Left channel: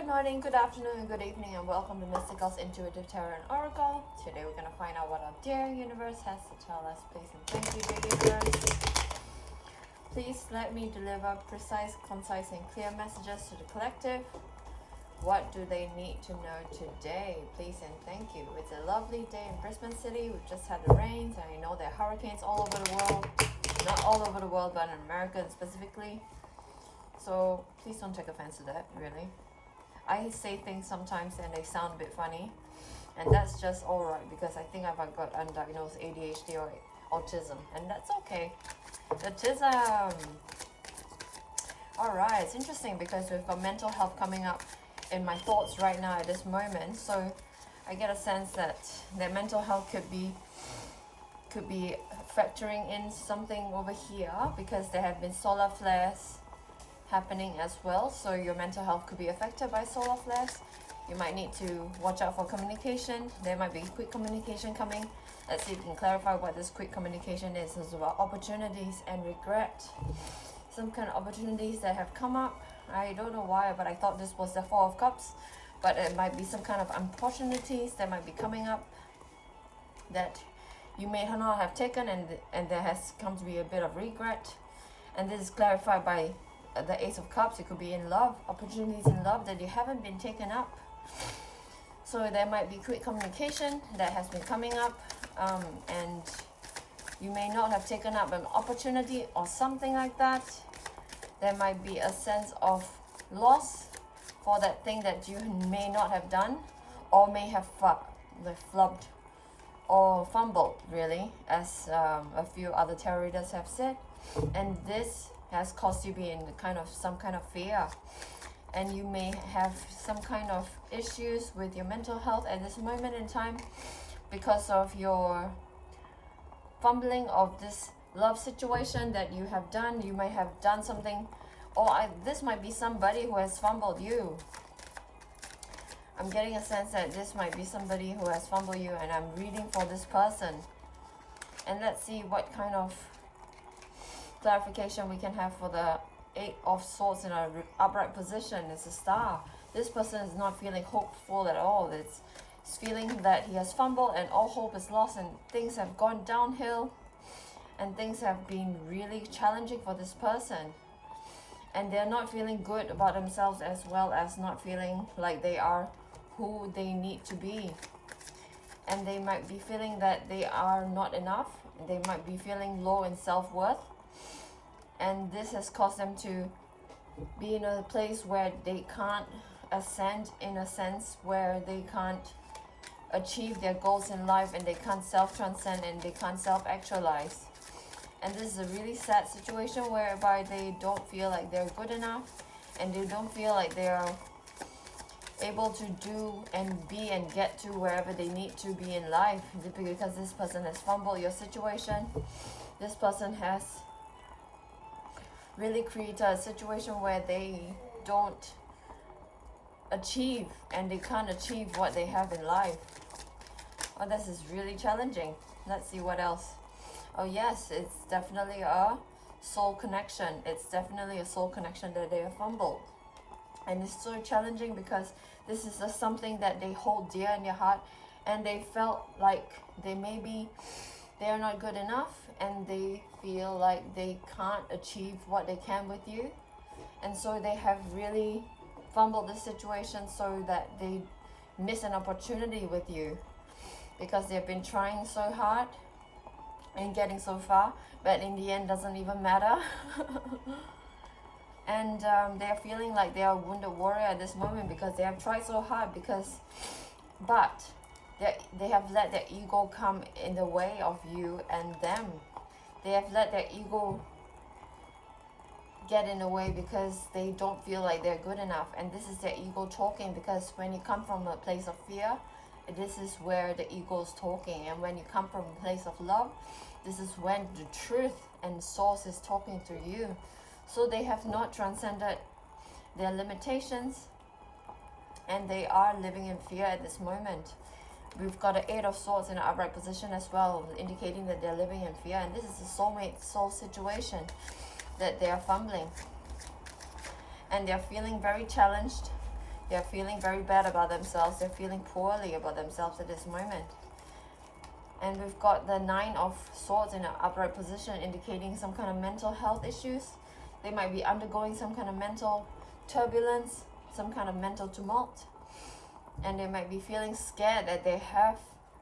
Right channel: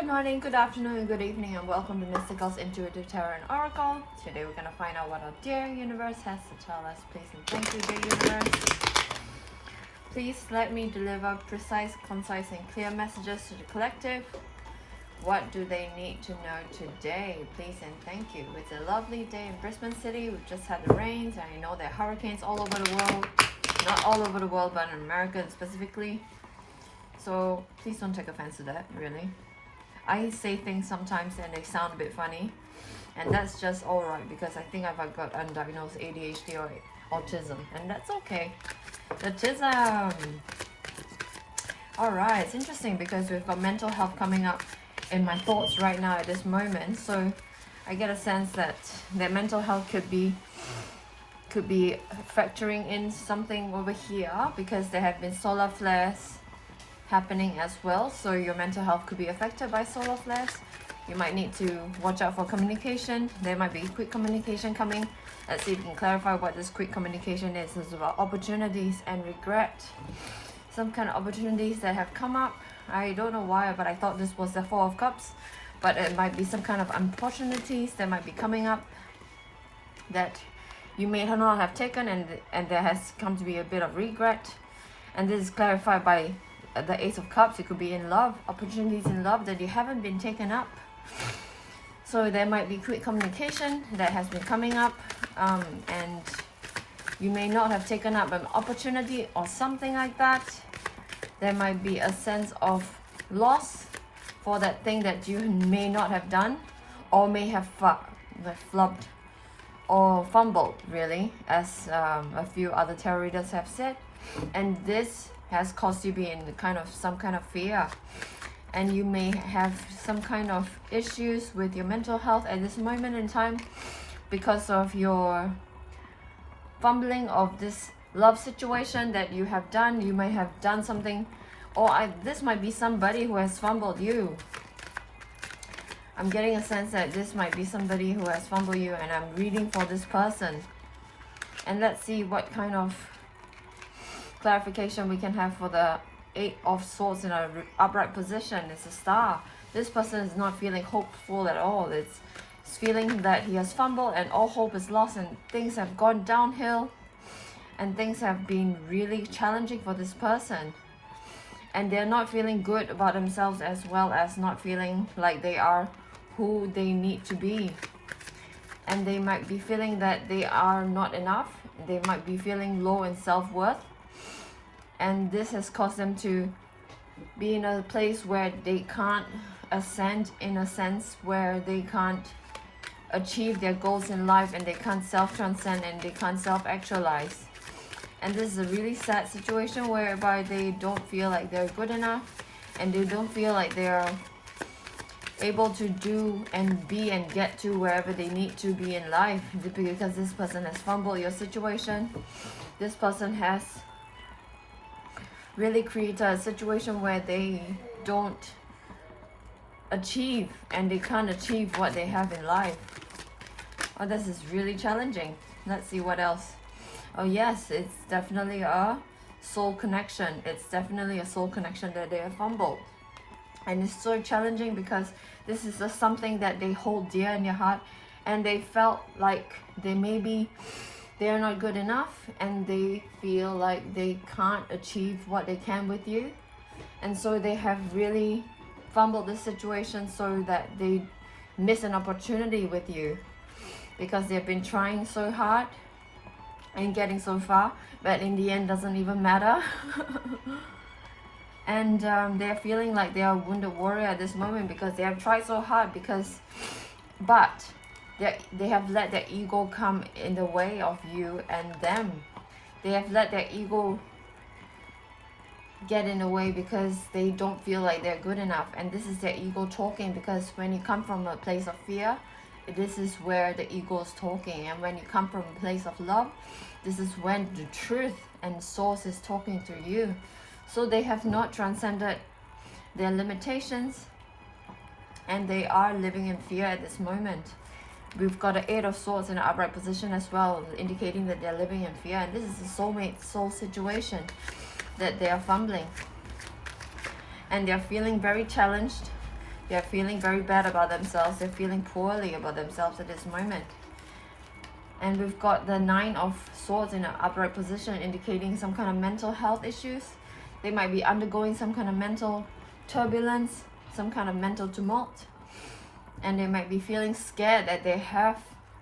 Good morning, good afternoon, and good evening, and welcome to Mystigal's Intuitive Tarot and Oracle. Today we're going to find out what our dear universe has to tell us. Please and thank you, dear universe. Please let me deliver precise, concise, and clear messages to the collective. What do they need to know today? Please and thank you. It's a lovely day in Brisbane City. We've just had the rains, and I know there are hurricanes all over the world. Not all over the world, but in America specifically. So please don't take offense to that, really. I say things sometimes and they sound a bit funny, and that's just alright because I think I've got undiagnosed ADHD or autism, and that's okay. Autism! Alright, it's interesting because we've got mental health coming up in my thoughts right now at this moment, so I get a sense that their mental health could be factoring in something over here because there have been solar flares happening as well, so your mental health could be affected by solar flares. You might need to watch out for communication. There might be quick communication coming. Let's see if we can clarify what this quick communication is. It's about opportunities and regret. Some kind of opportunities that have come up. I don't know why, but I thought this was the Four of Cups, but it might be some kind of opportunities that might be coming up that you may not have taken, and there has come to be a bit of regret. And this is clarified by the Ace of Cups. It could be in love, opportunities in love that you haven't been taken up. So there might be quick communication that has been coming up, and you may not have taken up an opportunity or something like that. There might be a sense of loss for that thing that you may not have done, or may have flubbed or fumbled, really, as a few other tarot readers have said. And this has caused you to be in some kind of fear, and you may have some kind of issues with your mental health at this moment in time because of your fumbling of this love situation that you have done. You may have done something, or this might be somebody who has fumbled you. I'm getting a sense that this might be somebody who has fumbled you, and I'm reading for this person. And let's see what kind of clarification we can have for the Eight of Swords in an upright position. It's a star. This person is not feeling hopeful at all. It's feeling that he has fumbled and all hope is lost, and things have gone downhill, and things have been really challenging for this person, and they're not feeling good about themselves, as well as not feeling like they are who they need to be. And they might be feeling that they are not enough. They might be feeling low in self-worth. And this has caused them to be in a place where they can't ascend, in a sense where they can't achieve their goals in life, and they can't self-transcend, and they can't self-actualize. And this is a really sad situation whereby they don't feel like they're good enough, and they don't feel like they're able to do and be and get to wherever they need to be in life, because this person has fumbled your situation. This person has really create a situation where they don't achieve, and they can't achieve what they have in life. Oh, this is really challenging. Let's see what else. Oh yes, it's definitely a soul connection. It's definitely a soul connection that they have fumbled. And it's so challenging because this is just something that they hold dear in their heart, and they felt like they're not good enough, and they feel like they can't achieve what they can with you. And so they have really fumbled the situation so that they miss an opportunity with you, because they've been trying so hard and getting so far, but in the end doesn't even matter. And they're feeling like they are a wounded warrior at this moment because they have tried so hard, but they have let their ego come in the way of you and them. They have let their ego get in the way because they don't feel like they're good enough. And this is their ego talking, because when you come from a place of fear, this is where the ego is talking. And when you come from a place of love, this is when the truth and source is talking to you. So they have not transcended their limitations, and they are living in fear at this moment. We've got an Eight of Swords in an upright position as well, indicating that they're living in fear. And this is a soulmate soul situation that they are fumbling. And they're feeling very challenged, They're feeling very bad about themselves. They're feeling poorly about themselves at this moment. And we've got the Nine of Swords in an upright position, indicating some kind of mental health issues. They might be undergoing some kind of mental turbulence, some kind of mental tumult. And they might be feeling scared that they have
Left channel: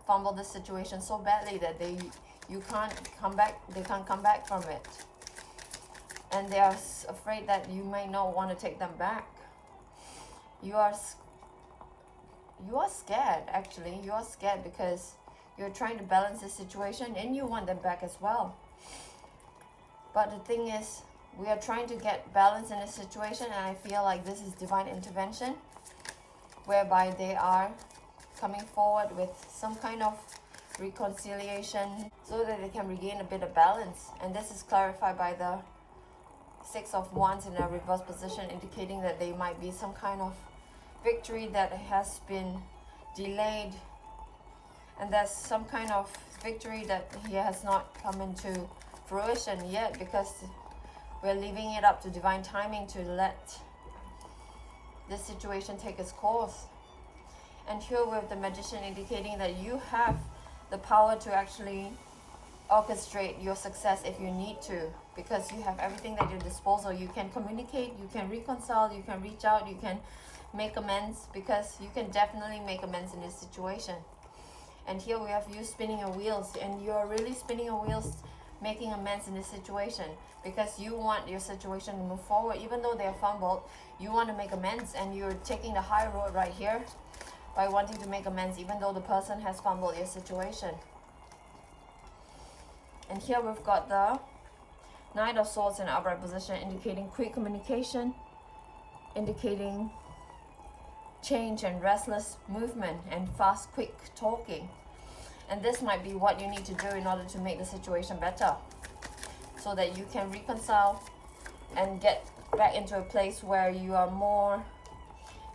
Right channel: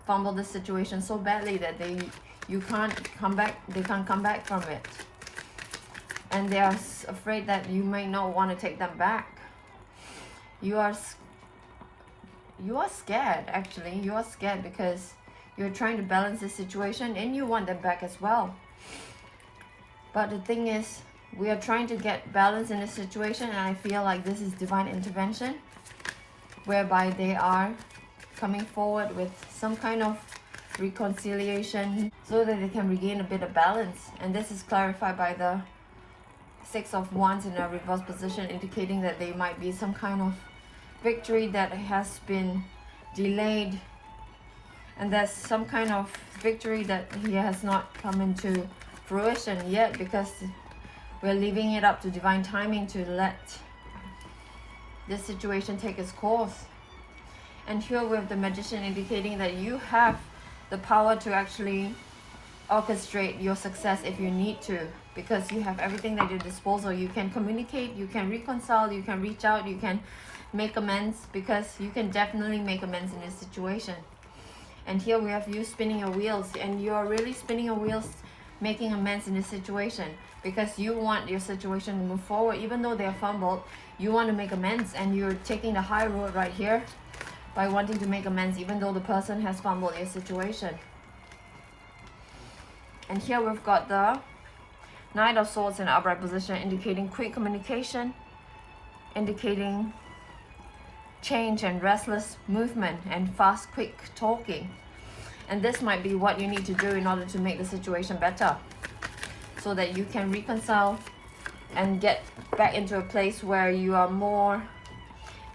fumbled the situation so badly that they can't come back from it. And they are afraid that you may not want to take them back. You are scared, actually. You are scared because you're trying to balance the situation and you want them back as well. But the thing is, we are trying to get balance in the situation, and I feel like this is divine intervention, whereby they are coming forward with some kind of reconciliation so that they can regain a bit of balance. And this is clarified by the Six of Wands in a reverse position, indicating that there might be some kind of victory that has been delayed, and there's some kind of victory that he has not come into fruition yet, because we're leaving it up to divine timing to let this situation take its course. And here we have the Magician, indicating that you have the power to actually orchestrate your success if you need to, because you have everything at your disposal. You can communicate, you can reconcile, you can reach out, you can make amends, because you can definitely make amends in this situation. And here we have you spinning your wheels, and you're really spinning your wheels, making amends in this situation, because you want your situation to move forward. Even though they're fumbled, you want to make amends, and you're taking the high road right here by wanting to make amends, even though the person has fumbled your situation. And here we've got the Knight of Swords in an upright position, indicating quick communication, indicating change and restless movement and fast, quick talking. And this might be what you need to do in order to make the situation better, so that you can reconcile and get back into a place where you are more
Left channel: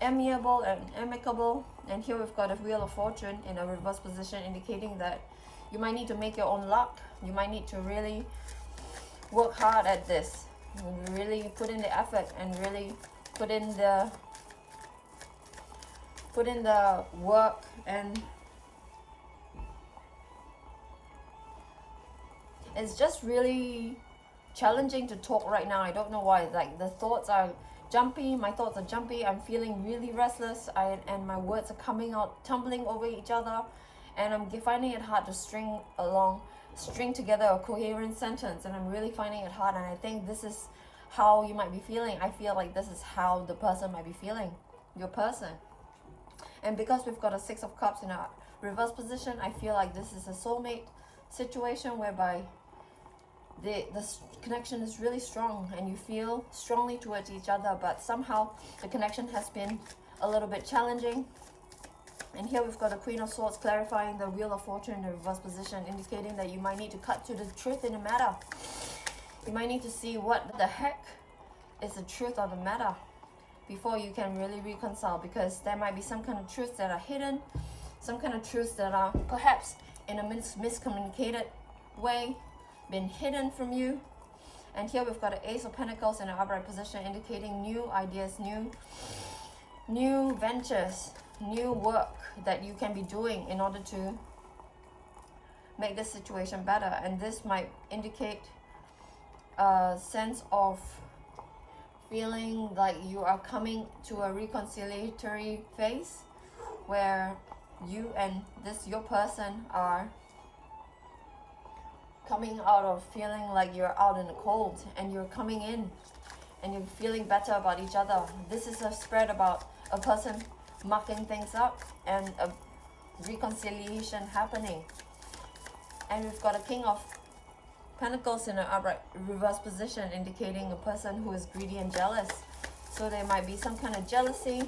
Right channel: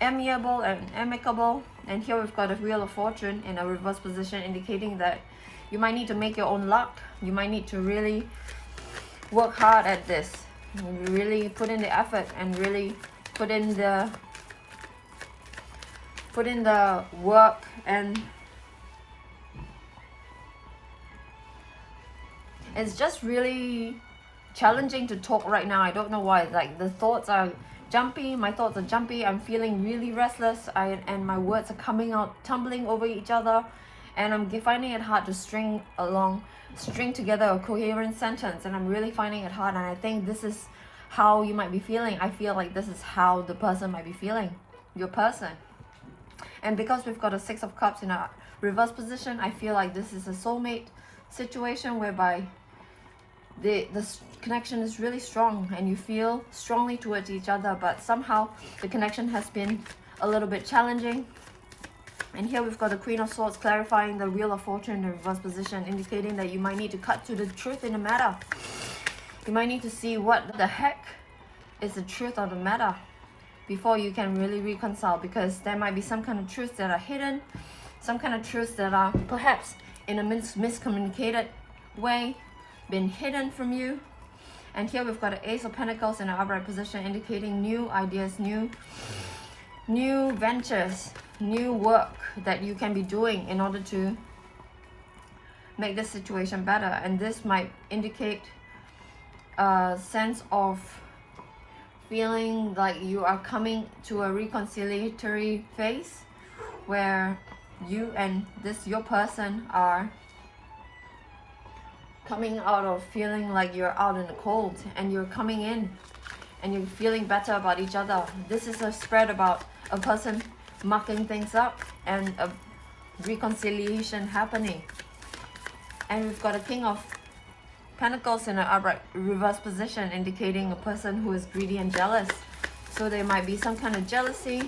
amiable and amicable. And here we've got a Wheel of Fortune in a reverse position, indicating that you might need to make your own luck. You might need to really work hard at this, really put in the effort, and really put in the work. And it's just really challenging to talk right now. I don't know why. Like, the thoughts are jumpy. My thoughts are jumpy. I'm feeling really restless. And my words are coming out, tumbling over each other. And I'm finding it hard to string together a coherent sentence. And I'm really finding it hard. And I think this is how you might be feeling. I feel like this is how the person might be feeling. Your person. And because we've got a Six of Cups in a reverse position, I feel like this is a soulmate situation, whereby the connection is really strong and you feel strongly towards each other, but somehow the connection has been a little bit challenging. And here we've got the Queen of Swords, clarifying the Wheel of Fortune in the reverse position, indicating that you might need to cut to the truth in the matter. You might need to see what the heck is the truth of the matter before you can really reconcile, because there might be some kind of truths that are hidden, some kind of truths that are perhaps in a miscommunicated way been hidden from you. And here we've got an Ace of Pentacles in an upright position, indicating new ideas, new ventures, new work that you can be doing in order to make the situation better. And this might indicate a sense of feeling like you are coming to a reconciliatory phase, where you and your person are coming out of feeling like you're out in the cold, and you're coming in and you're feeling better about each other. This is a spread about a person mucking things up and a reconciliation happening. And we've got a King of Pentacles in an upright reverse position, indicating a person who is greedy and jealous. So there might be some kind of jealousy,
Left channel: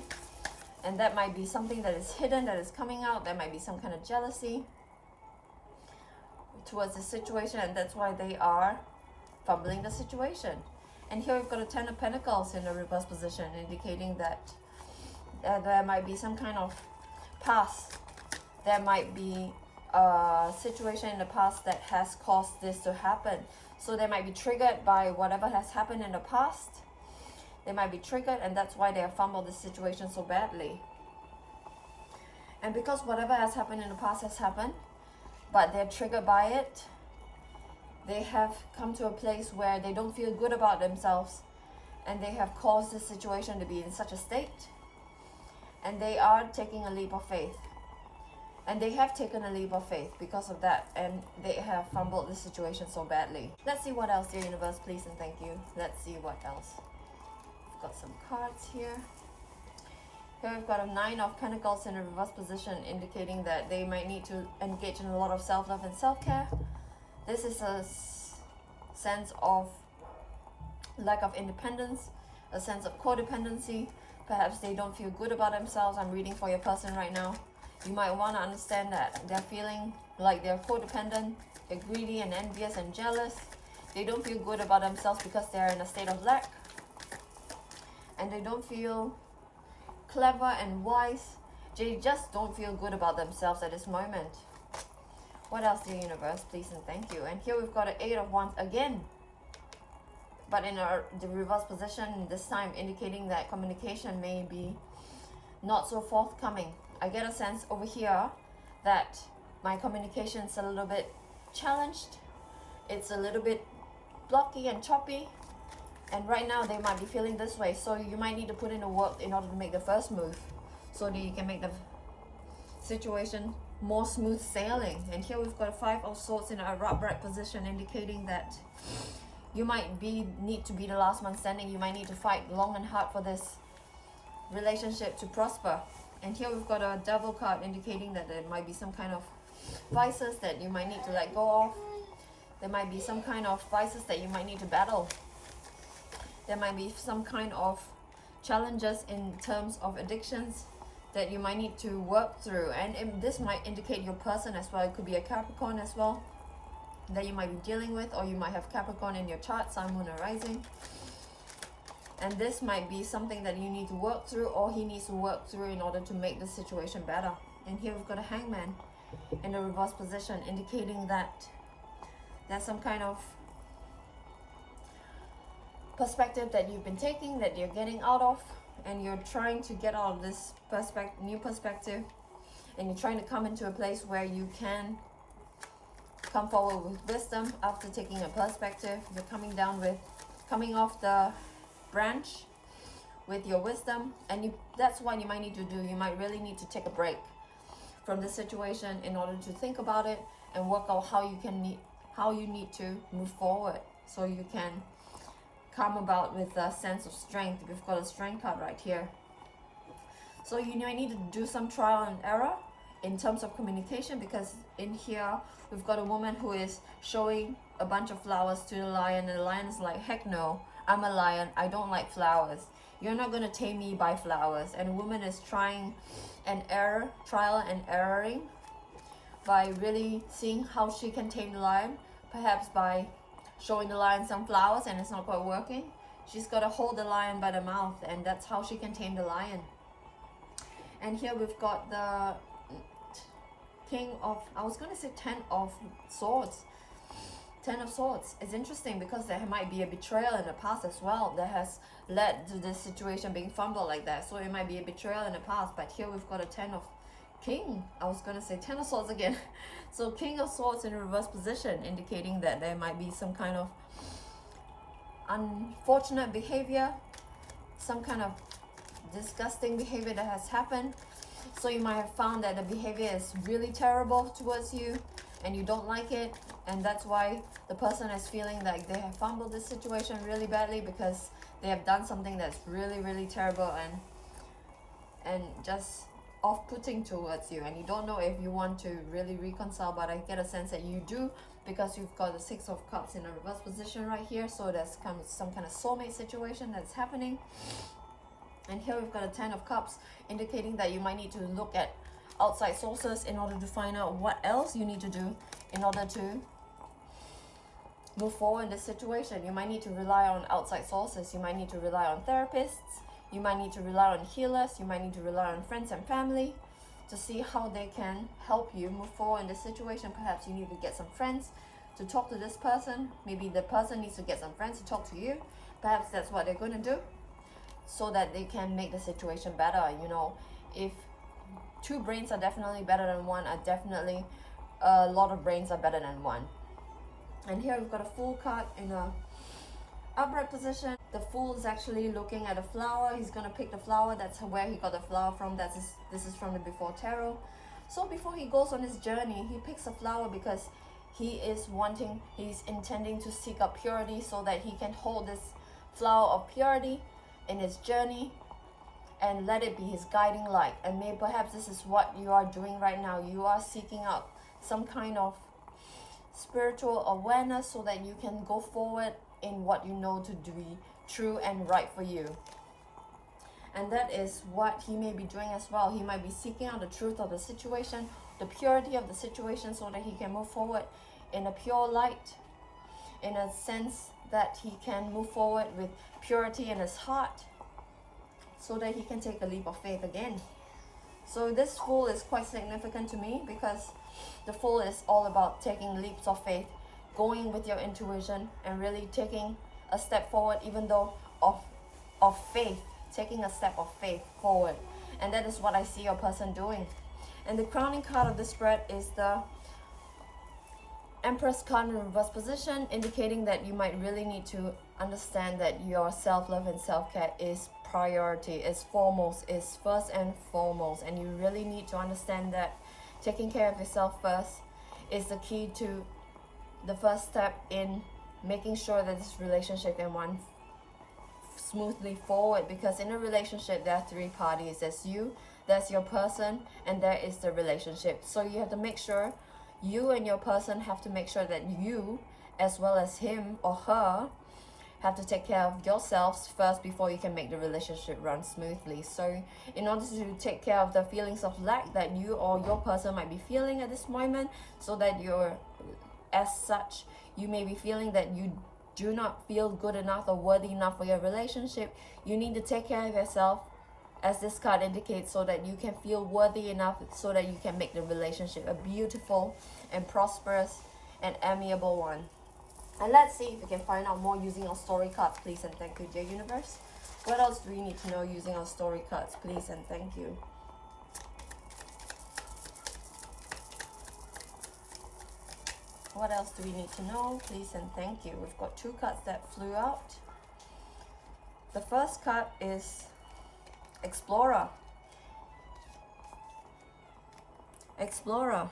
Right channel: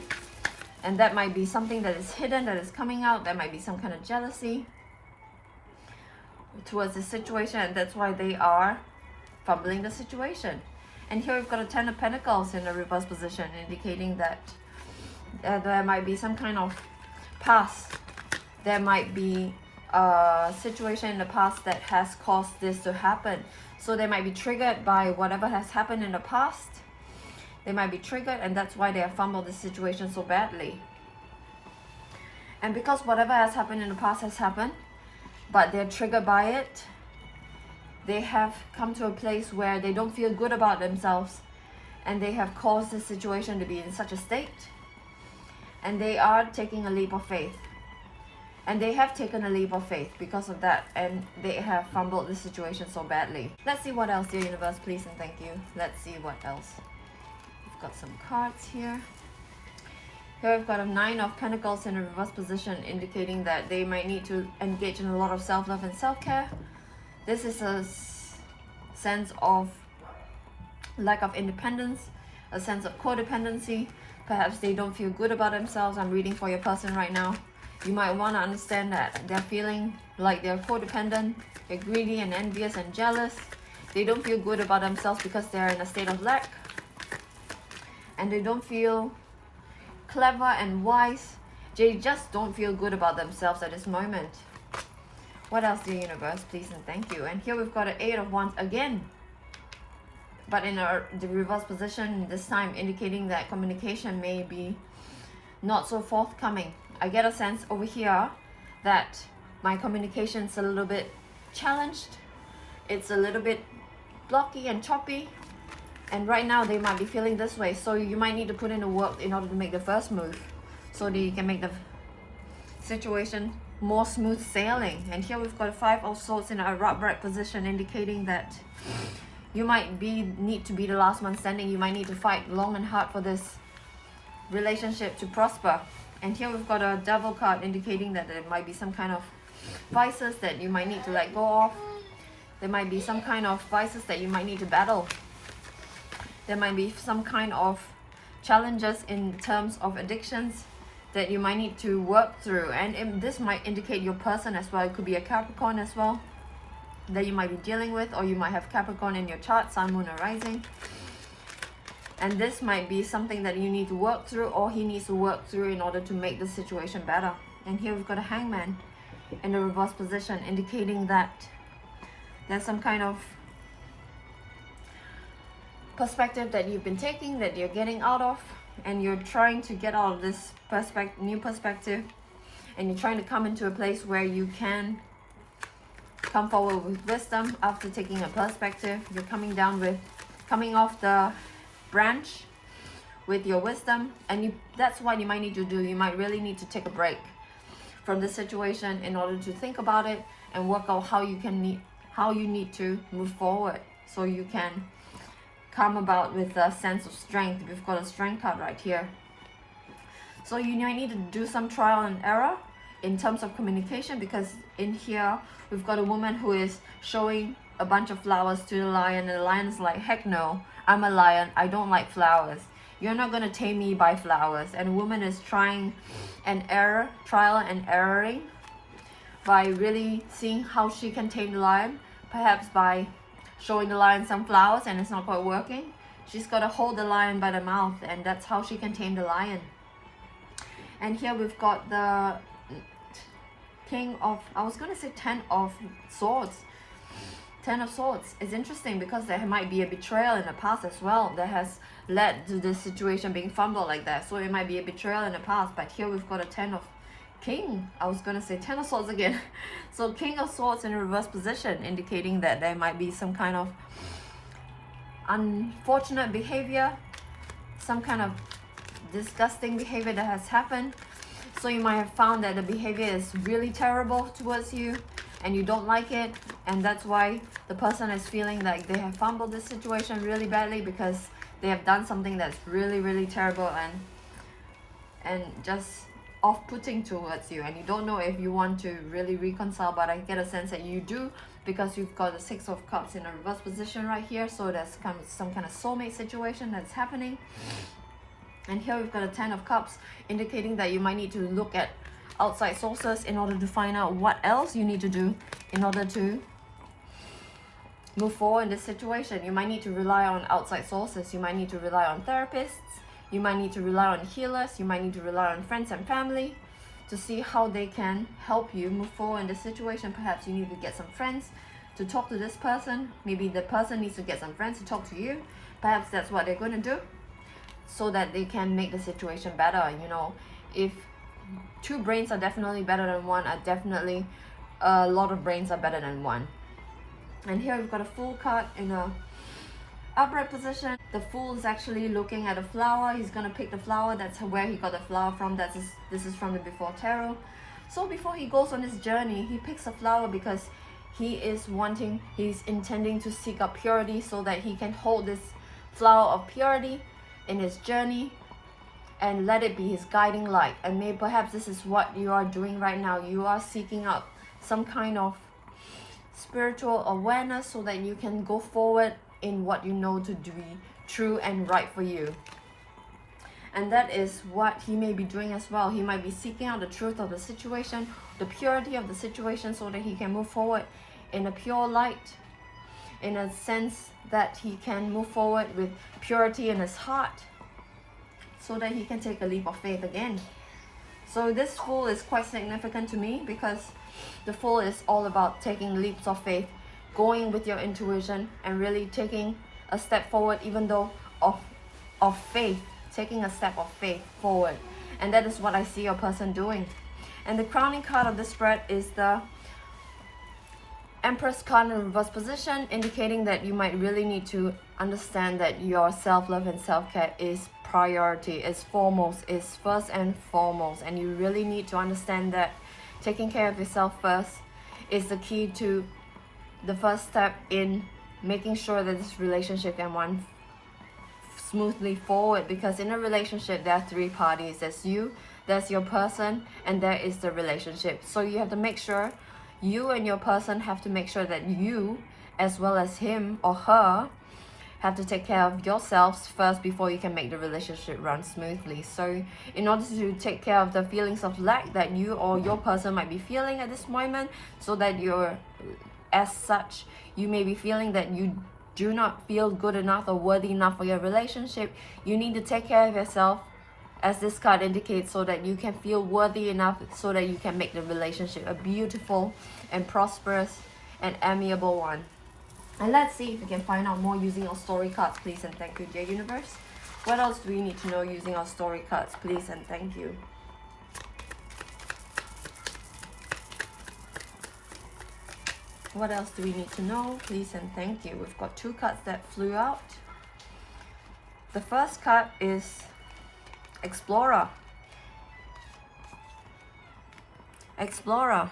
and that might be something that is hidden, that is coming out. There might be some kind of jealousy towards the situation, and that's why they are fumbling the situation. And here we've got a Ten of Pentacles in the reverse position, indicating that there might be some kind of past. There might be a situation in the past that has caused this to happen. So they might be triggered by whatever has happened in the past. They might be triggered, and that's why they have fumbled the situation so badly. And because whatever has happened in the past has happened, but they're triggered by it, they have come to a place where they don't feel good about themselves, and they have caused the situation to be in such a state, and they are taking a leap of faith. And they have taken a leap of faith because of that, and they have fumbled the situation so badly. Let's see what else, dear universe, please and thank you. Let's see what else. We've got some cards here. Here we've got a 9 of Pentacles in a reverse position, indicating that they might need to engage in a lot of self-love and self-care. This is a sense of lack of independence, a sense of codependency. Perhaps they don't feel good about themselves. I'm reading for your person right now. You might want to understand that they're feeling like they're codependent, they're greedy and envious and jealous. They don't feel good about themselves because they're in a state of lack. And they don't feel clever and wise. They just don't feel good about themselves at this moment. What else, dear universe, please and thank you. And here we've got an 8 of Wands again, but in the reverse position this time, indicating that communication may be not so forthcoming. I get a sense over here that my communication's a little bit challenged. It's a little bit blocky and choppy, and right now they might be feeling this way. So you might need to put in the work in order to make the first move, so that you can make the situation more smooth sailing. And here we've got 5 of Swords in a upright position, indicating that you might need to be the last one standing. You might need to fight long and hard for this relationship to prosper. And here we've got a Devil card, indicating that there might be some kind of vices that you might need to let go of. There might be some kind of vices that you might need to battle. There might be some kind of challenges in terms of addictions that you might need to work through. And this might indicate your person as well. It could be a Capricorn as well that you might be dealing with, or you might have Capricorn in your chart, Sun, Moon, or Rising. And this might be something that you need to work through, or he needs to work through in order to make the situation better. And here we've got a Hangman in the reverse position, indicating that there's some kind of perspective that you've been taking, that you're getting out of, and you're trying to get out of this new perspective, and you're trying to come into a place where you can come forward with wisdom after taking a perspective. You're coming off the branch with your wisdom, and that's what you might need to do. You might really need to take a break from the situation in order to think about it and work out how you need to move forward, so you can come about with a sense of strength. We've got a Strength card right here. So you might need to do some trial and error in terms of communication, because in here we've got a woman who is showing a bunch of flowers to the lion, and the lion is like, heck no, I'm a lion, I don't like flowers. You're not going to tame me by flowers. And a woman is trial and erroring by really seeing how she can tame the lion, perhaps by showing the lion some flowers, and it's not quite working. She's got to hold the lion by the mouth, and that's how she can tame the lion. And here we've got the King of, I was going to say 10 of Swords. 10 of Swords is interesting because there might be a betrayal in the past as well that has led to the situation being fumbled like that. So it might be a betrayal in the past, but here we've got a 10 of Swords again. So King of Swords in a reverse position, indicating that there might be some kind of unfortunate behavior, some kind of disgusting behavior that has happened. So you might have found that the behavior is really terrible towards you, and you don't like it, and that's why the person is feeling like they have fumbled this situation really badly, because they have done something that's really, really terrible and just off-putting towards you, and you don't know if you want to really reconcile. But I get a sense that you do, because you've got the 6 of Cups in a reverse position right here. So that's kind of some kind of soulmate situation that's happening. And here we've got a 10 of Cups, indicating that you might need to look at outside sources in order to find out what else you need to do in order to move forward in this situation. You might need to rely on outside sources. You might need to rely on therapists. You might need to rely on healers. You might need to rely on friends and family to see how they can help you move forward in this situation. Perhaps you need to get some friends to talk to this person. Maybe the person needs to get some friends to talk to you. Perhaps that's what they're going to do. so that they can make the situation better. You know, if two brains are definitely better than one, definitely a lot of brains are better than one. And here we've got a Fool card in a upright position. The Fool is actually looking at a flower. He's gonna pick the flower. That's where he got the flower from. This is from the Before Tarot. So before he goes on his journey, he picks a flower because he's intending to seek up purity, so that he can hold this flower of purity in his journey and let it be his guiding light. And maybe perhaps this is what you are doing right now. You are seeking out some kind of spiritual awareness so that you can go forward in what you know to be true and right for you. And that is what he may be doing as well. He might be seeking out the truth of the situation, the purity of the situation, so that he can move forward in a pure light, in a sense that he can move forward with purity in his heart, so that he can take a leap of faith again. So this Fool is quite significant to me, because the Fool is all about taking leaps of faith, going with your intuition and really taking a step forward, even though of faith, taking a step of faith forward. And that is what I see your person doing. And the crowning card of this spread is the Empress card in reverse position, indicating that you might really need to understand that your self-love and self-care is priority, is foremost, is first and foremost. And you really need to understand that taking care of yourself first is the key to the first step in making sure that this relationship can run smoothly forward. Because in a relationship there are three parties. There's you, there's your person, and there is the relationship. So you have to make sure, you and your person have to make sure that you, as well as him or her, have to take care of yourselves first before you can make the relationship run smoothly. So in order to take care of the feelings of lack that you or your person might be feeling at this moment, so that as such, you may be feeling that you do not feel good enough or worthy enough for your relationship, you need to take care of yourself, as this card indicates, so that you can feel worthy enough, so that you can make the relationship a beautiful and prosperous and amiable one. And let's see if we can find out more using our story cards, please and thank you, dear universe. What else do we need to know using our story cards, please and thank you? What else do we need to know? Please and thank you. We've got two cards that flew out. The first card is Explorer. Explorer.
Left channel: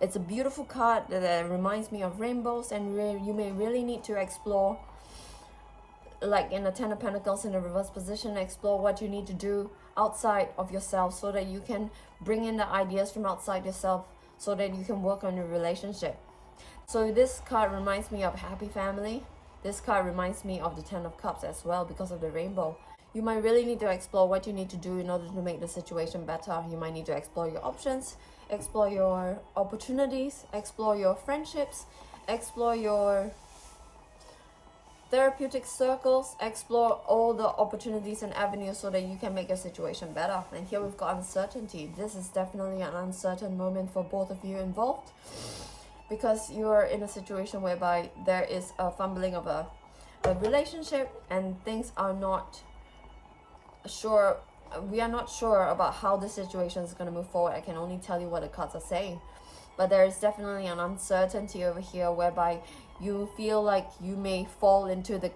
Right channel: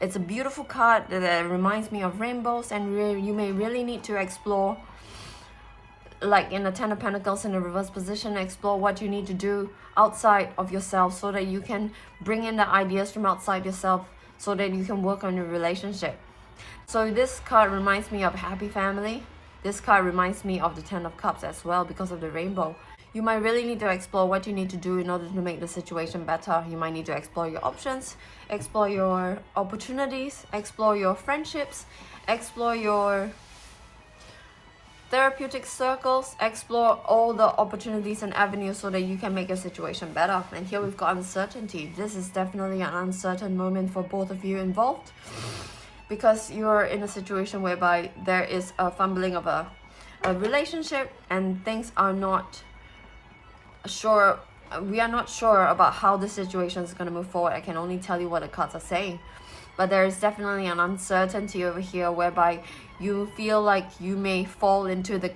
It's a beautiful card that reminds me of rainbows, and you may really need to explore, like in the Ten of Pentacles in the reverse position, explore what you need to do outside of yourself, so that you can bring in the ideas from outside yourself, so that you can work on your relationship. So this card reminds me of happy family. This card reminds me of the Ten of Cups as well, because of the rainbow. You might really need to explore what you need to do in order to make the situation better. You might need to explore your options, explore your opportunities, explore your friendships, explore your therapeutic circles, explore all the opportunities and avenues so that you can make your situation better. And here we've got uncertainty. This is definitely an uncertain moment for both of you involved, because you're in a situation whereby there is a fumbling of a relationship, and things are not sure. We are not sure about how the situation is going to move forward. I can only tell you what the cards are saying, but there is definitely an uncertainty over here whereby you feel like you may fall into the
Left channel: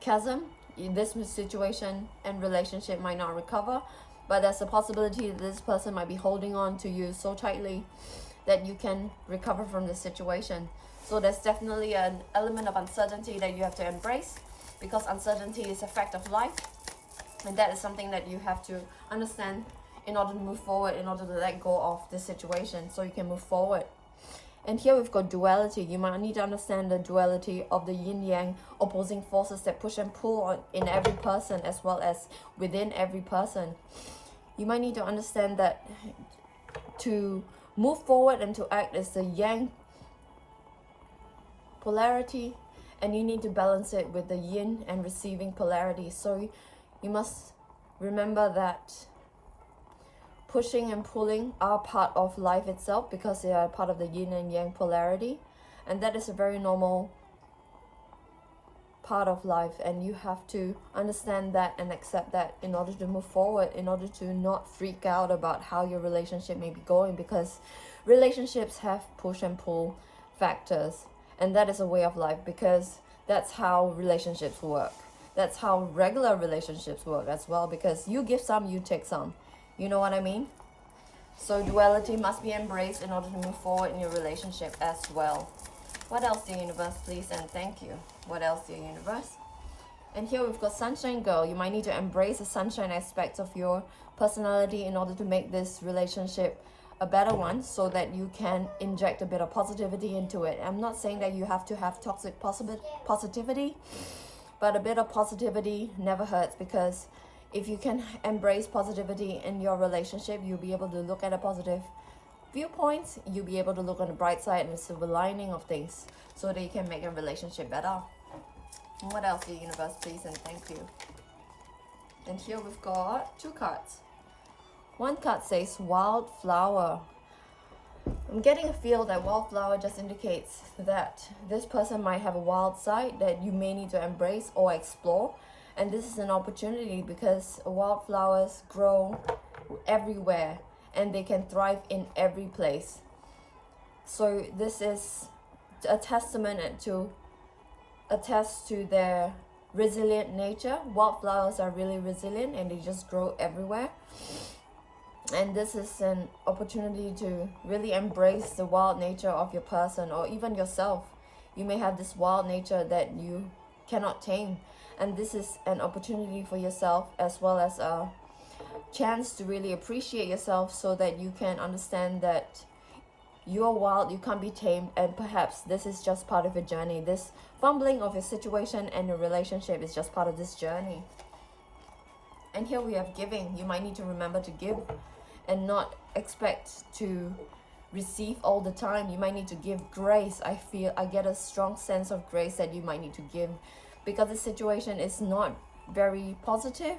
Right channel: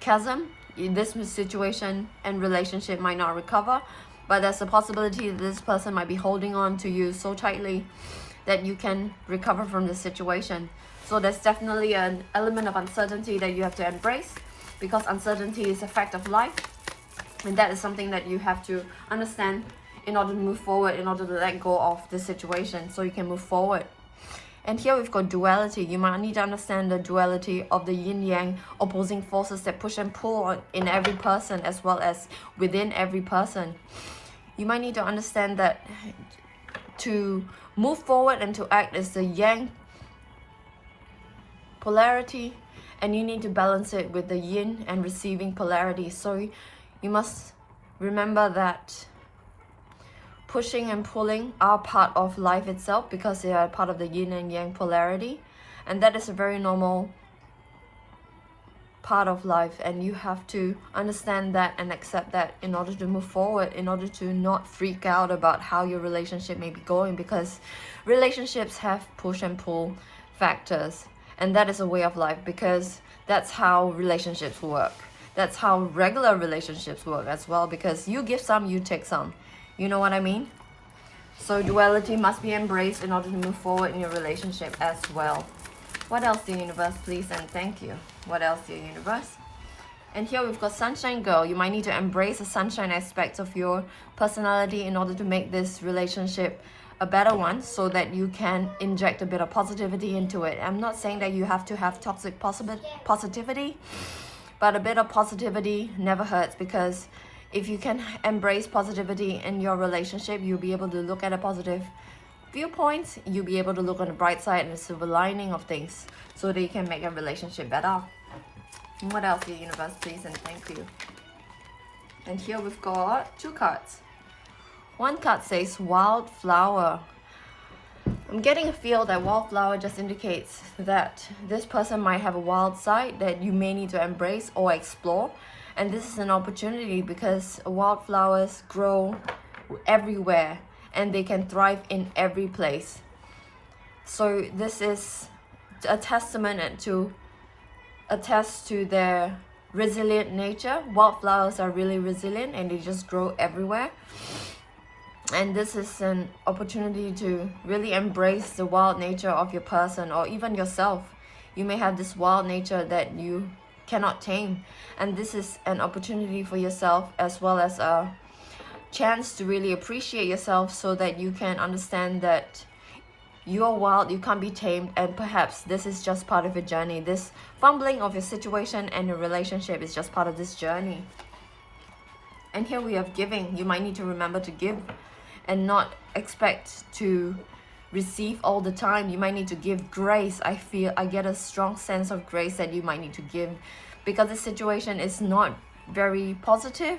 chasm. This situation and relationship might not recover, but there's a possibility that this person might be holding on to you so tightly that you can recover from this situation. So there's definitely an element of uncertainty that you have to embrace, because uncertainty is a fact of life. And that is something that you have to understand in order to move forward, in order to let go of this situation so you can move forward. And here we've got duality. You might need to understand the duality of the yin-yang opposing forces that push and pull in every person as well as within every person. You might need to understand that to move forward and to act as the yang polarity, and you need to balance it with the yin and receiving polarity. So you must remember that pushing and pulling are part of life itself, because they are part of the yin and yang polarity, and that is a very normal part of life, and you have to understand that and accept that in order to move forward, in order to not freak out about how your relationship may be going, because relationships have push and pull factors, and that is a way of life, because that's how relationships work. That's how regular relationships work as well, because you give some, you take some. You know what I mean? So duality must be embraced in order to move forward in your relationship as well. What else, dear universe, please and thank you? What else, dear universe? And here we've got Sunshine Girl. You might need to embrace the sunshine aspects of your personality in order to make this relationship a better one, so that you can inject a bit of positivity into it. I'm not saying that you have to have toxic positivity, but a bit of positivity never hurts, because if you can embrace positivity in your relationship, you'll be able to look at a positive viewpoint, you'll be able to look on the bright side and the silver lining of things, so that you can make a relationship better. And what else, dear universe, please and thank you? And here we've got 2 cards. One card says Wildflower. I'm getting a feel that Wildflower just indicates that this person might have a wild side that you may need to embrace or explore. And this is an opportunity, because wildflowers grow everywhere and they can thrive in every place. So this is a testament to attest to their resilient nature. Wildflowers are really resilient and they just grow everywhere. And this is an opportunity to really embrace the wild nature of your person, or even yourself. You may have this wild nature that you cannot tame, and this is an opportunity for yourself, as well as a chance to really appreciate yourself, so that you can understand that you're wild, you can't be tamed, and perhaps this is just part of your journey. This fumbling of your situation and your relationship is just part of this journey. And here we have giving. You might need to remember to give and not expect to receive all the time. You might need to give grace. I get a strong sense of grace that you might need to give, because the situation is not very positive.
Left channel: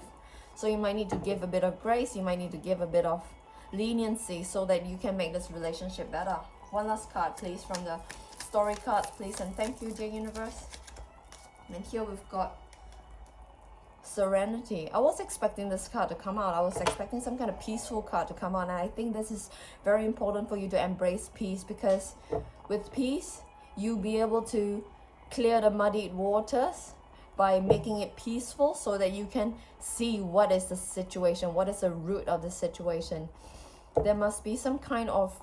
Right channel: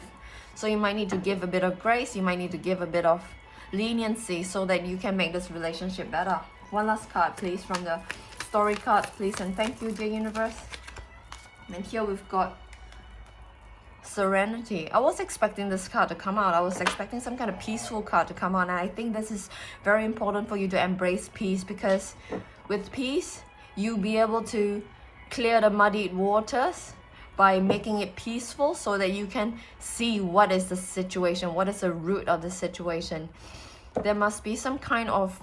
So you might need to give a bit of grace, you might need to give a bit of leniency, so that you can make this relationship better. One last card, please, from the story cards, please and thank you, dear universe. And here we've got Serenity. I was expecting this card to come out. I was expecting some kind of peaceful card to come out, and I think this is very important for you to embrace peace, because with peace you'll be able to clear the muddied waters by making it peaceful, so that you can see what is the situation, what is the root of the situation. There must be some kind of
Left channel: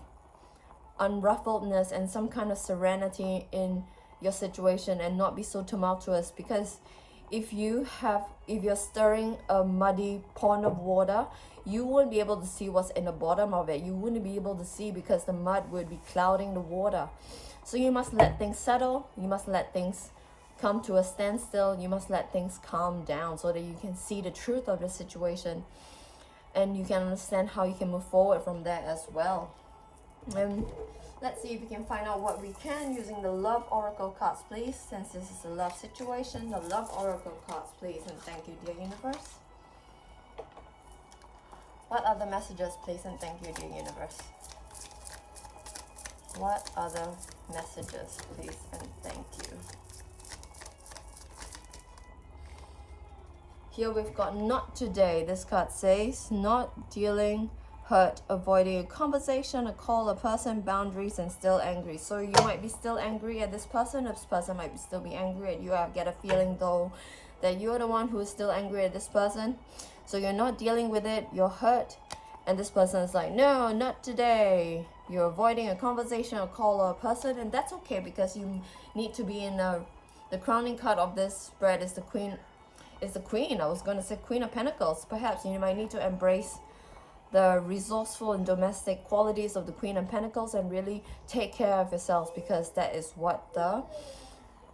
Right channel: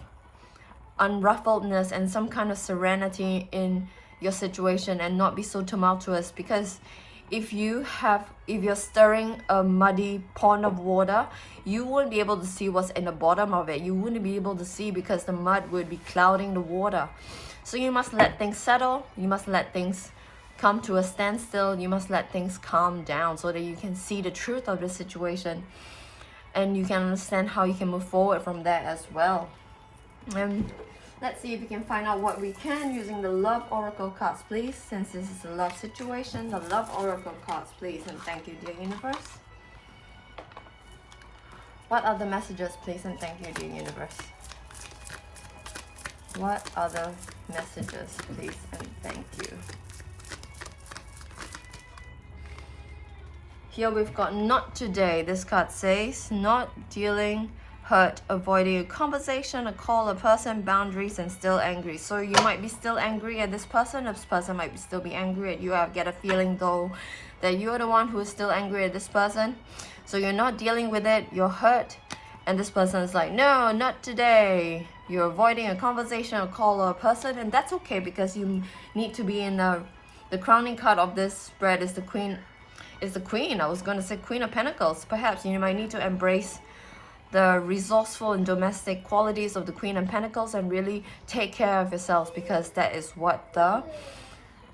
unruffledness and some kind of serenity in your situation, and not be so tumultuous, because if you're stirring a muddy pond of water, you won't be able to see what's in the bottom of it. You wouldn't be able to see, because the mud would be clouding the water. So you must let things settle, you must let things come to a standstill, you must let things calm down, so that you can see the truth of the situation, and you can understand how you can move forward from there as well. And let's see if we can find out what we can using the Love Oracle cards, please. Since this is a love situation, the Love Oracle cards, please and thank you, dear universe. What are the messages, please and thank you, dear universe? What are the messages, please and thank you? Here we've got Not Today. This card says not dealing, hurt, avoiding a conversation, a call, a person, boundaries, and still angry. So you might be still angry at this person. This person might still be angry at you. I get a feeling though that you're the one who is still angry at this person. So you're not dealing with it, you're hurt, and this person is like, no, not today. You're avoiding a conversation, a call, or a person, and that's okay, because you need to be in the crowning card of this spread is the Queen. I was going to say Queen of Pentacles. Perhaps you might need to embrace the resourceful and domestic qualities of the Queen of Pentacles and really take care of yourselves, because that is what the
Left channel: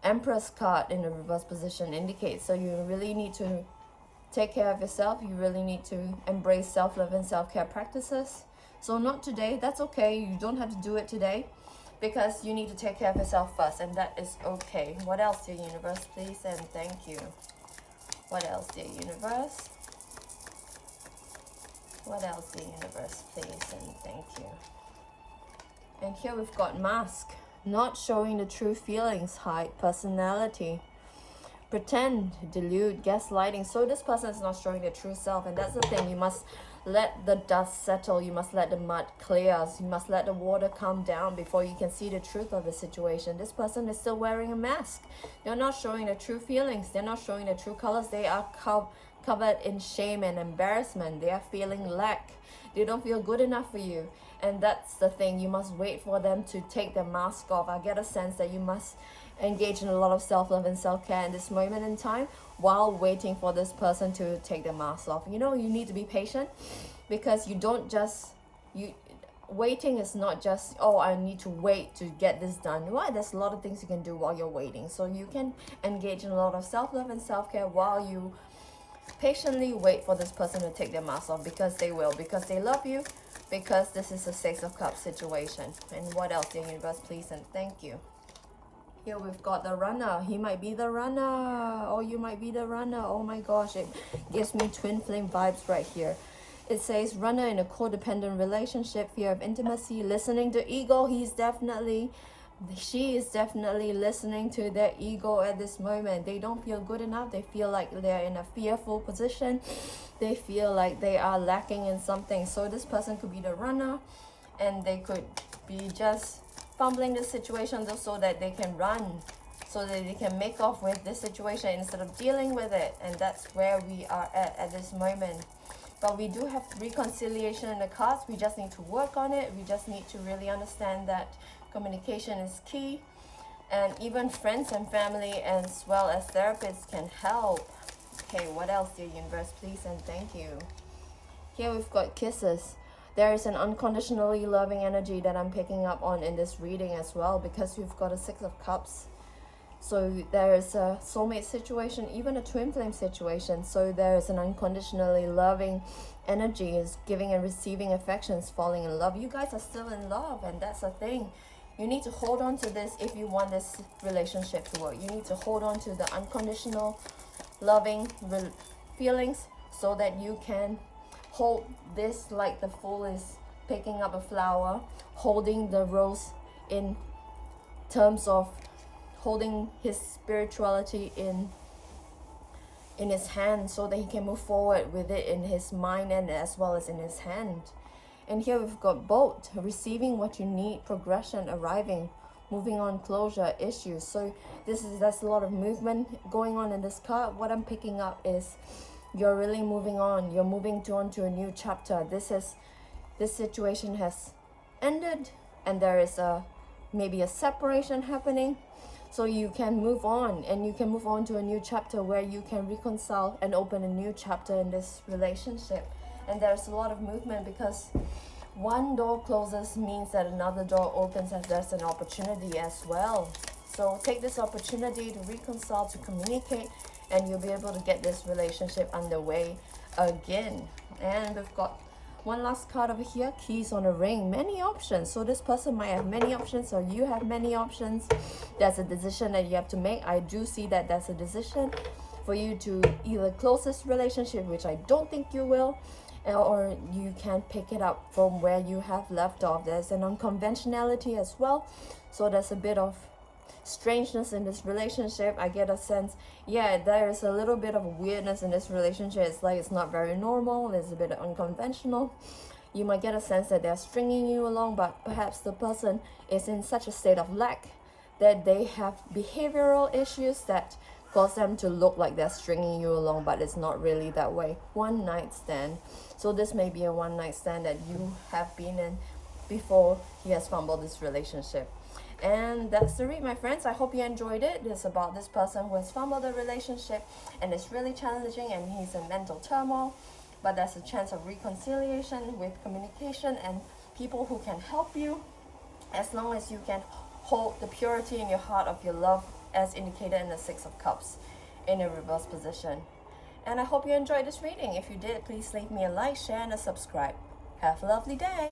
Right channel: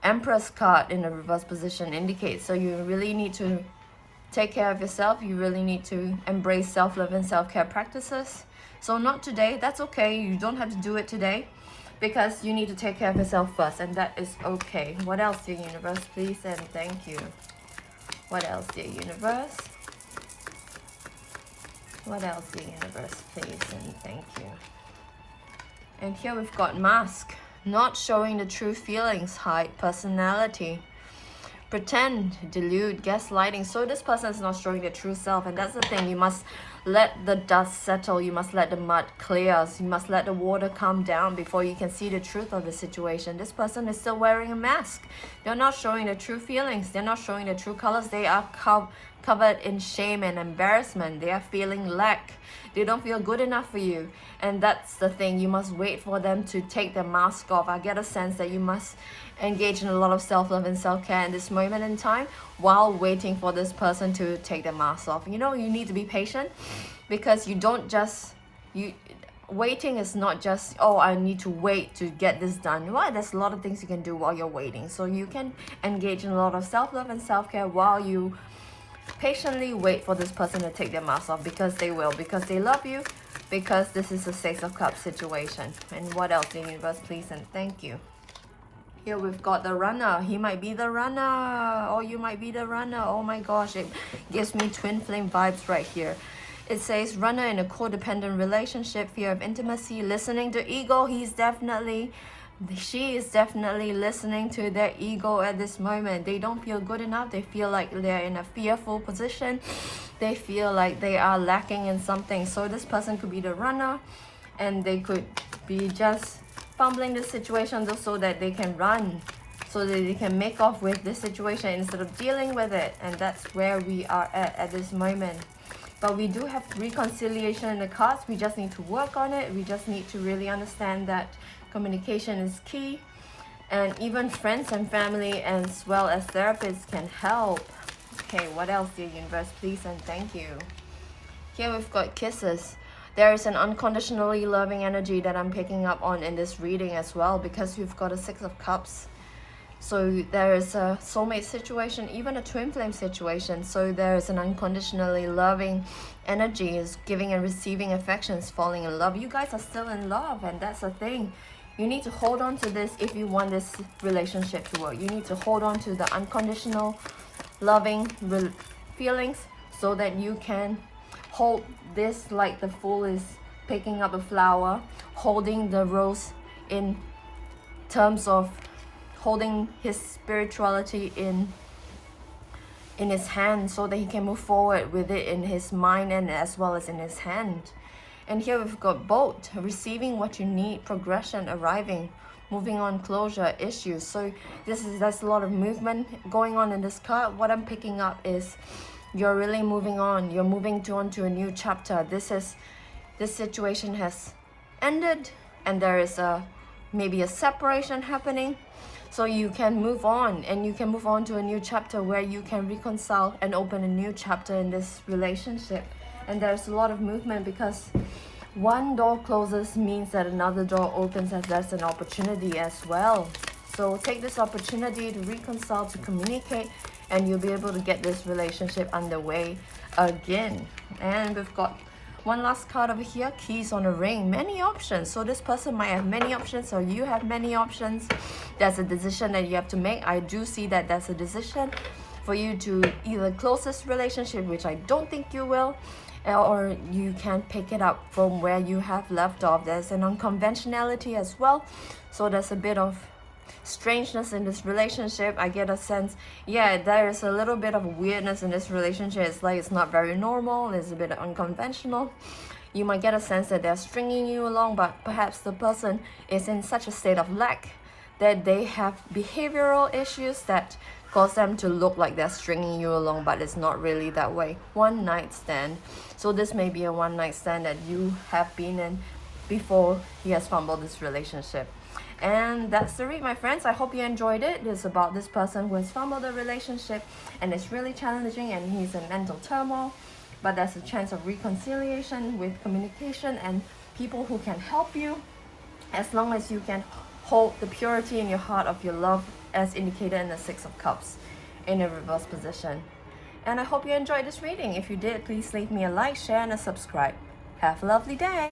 Empress card in the reverse position indicates. So you really need to take care of yourself. You really need to embrace self-love and self-care practices. So not today, that's okay. You don't have to do it today, because you need to take care of yourself first, and that is okay. What else, dear universe, please and thank you? What else, dear universe? What else, dear universe, please and thank you? And here we've got Mask. Not showing the true feelings, hide personality. pretend, delude, gaslighting. So this person is not showing their true self, and that's the thing. You must let the dust settle, you must let the mud clear, so you must let the water calm down before you can see the truth of the situation. This person is still wearing a mask. They're not showing the true feelings, they're not showing the true colors. They are covered in shame and embarrassment. They are feeling lack. They don't feel good enough for you, and that's the thing. You must wait for them to take their mask off. I get a sense that you must engage in a lot of self-love and self-care in this moment in time while waiting for this person to take their mask off. You know, you need to be patient, because you don't just waiting is not just, oh, I need to wait to get this done. Well, there's a lot of things you can do while you're waiting. So you can engage in a lot of self-love and self-care while you patiently wait for this person to take their mask off, because they will, because they love you, because this is a Six of Cups situation. And what else, the universe, please and thank you. Here we've got the runner. He might be the runner, or you might be the runner. Oh my gosh, it gives me twin flame vibes right here. It says runner in a codependent relationship, fear of intimacy, listening to ego. She is definitely listening to their ego at this moment. They don't feel good enough. They feel like they're in a fearful position. They feel like they are lacking in something. So this person could be the runner, and they could be just fumbling the situation so that they can run, so that they can make off with this situation instead of dealing with it. And that's where we are at this moment. But we do have reconciliation in the cards. We just need to work on it. We just need to really understand that communication is key, and even friends and family as well as therapists can help. Okay, what else, dear universe, please and thank you. Here we've got kisses. There is an unconditionally loving energy that I'm picking up on in this reading as well, because we've got a Six of Cups. So there is a soulmate situation, even a twin flame situation. So there is an unconditionally loving energy, is giving and receiving affections, falling in love. You guys are still in love, and that's the thing. You need to hold on to this if you want this relationship to work. You need to hold on to the unconditional loving feelings, so that you can hold this like the Fool is picking up a flower, holding the rose in terms of holding his spirituality in his hand, so that he can move forward with it in his mind and as well as in his hand. And here we've got both, receiving what you need, progression, arriving, moving on, closure, issues. So there's a lot of movement going on in this card. What I'm picking up is you're really moving on. You're moving on to a new chapter. This situation has ended, and there is maybe a separation happening. So you can move on, and you can move on to a new chapter where you can reconcile and open a new chapter in this relationship. And there's a lot of movement, because one door closes means that another door opens, and there's an opportunity as well. So take this opportunity to reconcile, to communicate, and you'll be able to get this relationship underway again. And we've got one last card over here, keys on a ring, many options. So this person might have many options, or you have many options. There's a decision that you have to make. I do see that there's a decision for you to either close this relationship, which I don't think you will, or you can pick it up from where you have left off. There's an unconventionality as well. So there's a bit of strangeness in this relationship. I get a sense, yeah, there is a little bit of weirdness in this relationship. It's like it's not very normal, it's a bit unconventional. You might get a sense that they're stringing you along, but perhaps the person is in such a state of lack that they have behavioral issues that cause them to look like they're stringing you along, but it's not really that way. One night stand. So this may be a one night stand that you have been in before he has fumbled this relationship. And that's the read, my friends. I hope you enjoyed it. It's about this person who has fumbled a relationship, and it's really challenging, and he's in mental turmoil, but there's a chance of reconciliation with communication and people who can help you, as long as you can hold the purity in your heart of your love, as indicated in the Six of Cups in a reverse position. And I hope you enjoyed this reading. If you did, please leave me a like, share, and a subscribe. Have a lovely day.